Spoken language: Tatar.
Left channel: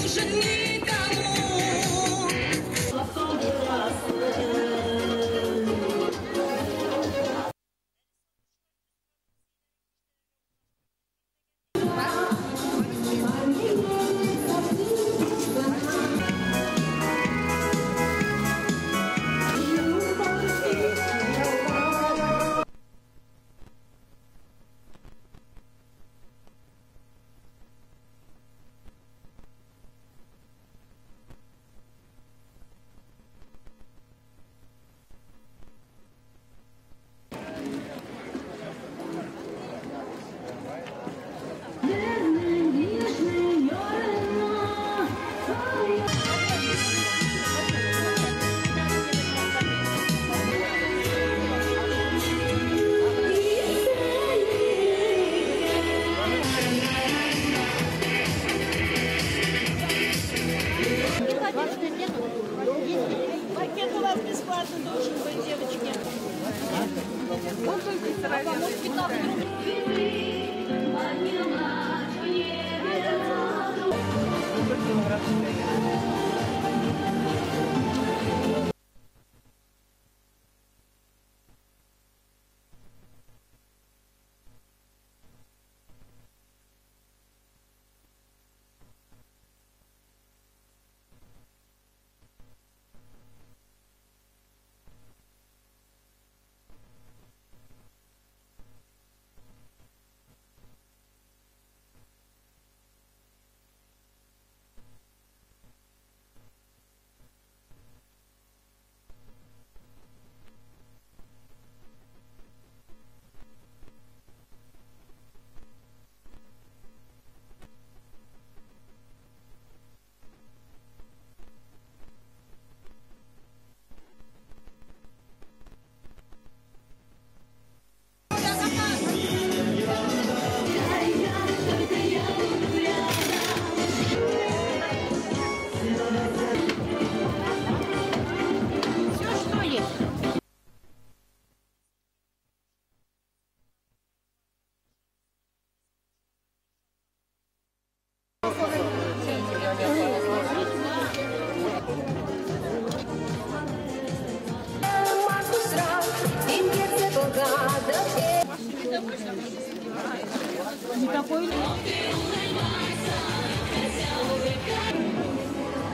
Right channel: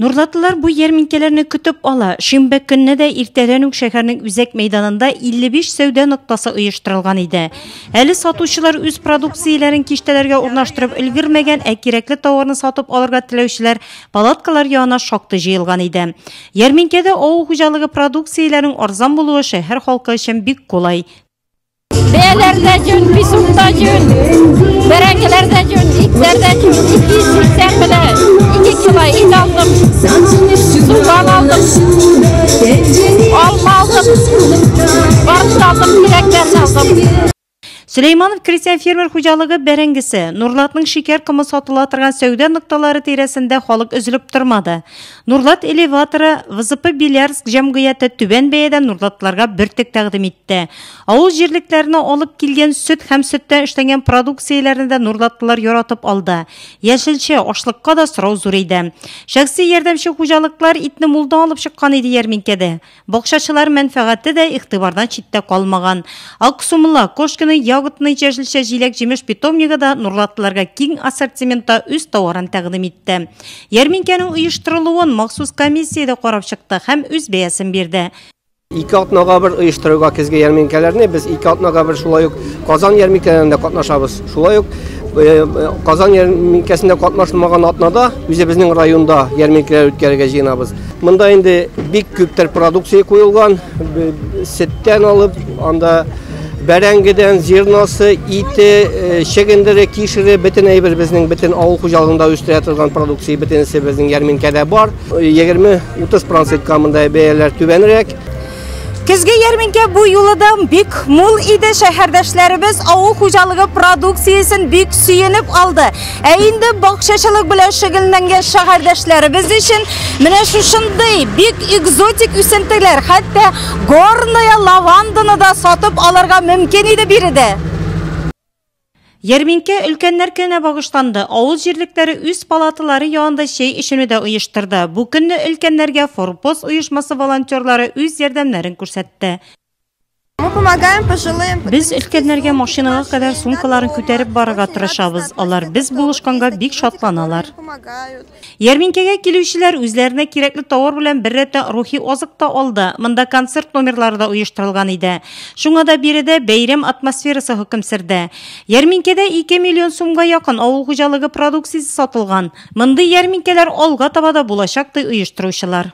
Nurlatılar bu yerminkelerni kütüp ala. Şimbe gününe de irtelenük şehirinin üzek meydanında 55 sevde noktası uyuşturulgan idi. Әлі satuşçılar üz produksiyelerin kiştelerge urnaştırıp ülgürmegen gerekli tavarını satıp alırga tilevşiler palatkalar yağına şaktı jıyılgan idi. Yerminkede oğul hucalığı produksiyelerin arzan buluğu şehir halkı için büyük kolay. Beyelerde cün, bisukta cün, berengelerde cün, iklerde cün, 280 bile, 2 kilo it aldım, sultan aldım, alma aldım, barış aldım, direklerini aldım. Süleymanov Kristian Fermer hucalığı berengisi, Nurlat'ın şeker kımı satılatırgan söwde noktaları tiresinde halık üzülüp durmadı. Nurlat elevatorı VZP Bilyarsk Jamgıyatı tüben beyeden Nurlatlarga bir tek taqdim etdi. Ауыл жерліктеріне olып келген süt hem sütten işlengen produksiyelerini de Nurlatlılar yoratып aldı. Yeşilçe, aşlıkka da sırau zor idi. Şahsi yardımcı hucalıklar itni mulda alıp çıkkan idi yerminkede. Bokşaçılar menfaati de iktibardan çitte kalmagan. Aksumula, koşkını, yağıtını, yeşilçe, jilek, jemiş pitomniga da Nurlatlılarga keng assortimenta üst tavarın taqdim etdi. Yerminkenin uyuşturuluğun maxsus komissiyada qarab çıktı hem üz beyasin berdi. 2 atnaga bir uyuşturuga kizge yerminkelerini biz 2 atnaga bir şulay Kazan yerminkelerinde katnaşabız. Şulay Kazan yerminkesinde katnaşılmagan atnada bizning rayonda yerminkeler ötkərgə jıynabız. Mında indi bik küpter produksiya koyulgan, setten alıp anda berengeden zirnası, iti, şegindere, kişiri, bütün eybir bizning bütün ağıl hujalığında üstüretilgan produksiya bütünisi bizning yerminkede var. 20-30% kamında beyeler tüvenirek. Kizgi yerminke bu yılda büyük mul idi şehirdeşlerimiz ağıl hucalığı produksiyasını büyük süyünüp aldı. Eğinde bakşaçılık bile şıgılından şehirdeşlerimiz için mine şuşunday büyük egzotik üsentiler hatta gornaya lavandını da satıp alırga mümkün idi biri de. Yerminke ülkenlerkene bağışlandı. Ağız jirlikleri üst palatıları yanında işini de uyuşturdu. Bu günü ülkenlerge Forpos uyuşması volontörleri üz yardımlarını ko'rsatdi. Biz ülkenlerge maşinaga kadar sumkalarını köterip barıga tırışabız. Alar biz buluşkanga bik şatlanalar. Yerminkege keluvchilar özlerine kerakli tovar bilen bir rete ruhi oziq da oldu. Mında konsert nomerlari da uyushtirilgan edi. Shunga da biride bayram atmosferasi hukm sirdi. Yerminkede 2 milyon so'mga yaqin ağıl hujalığı produksiyasi sotilgan. Mında yerminkeler olga tabada bo'lashaqdi uyushtiruvchilar.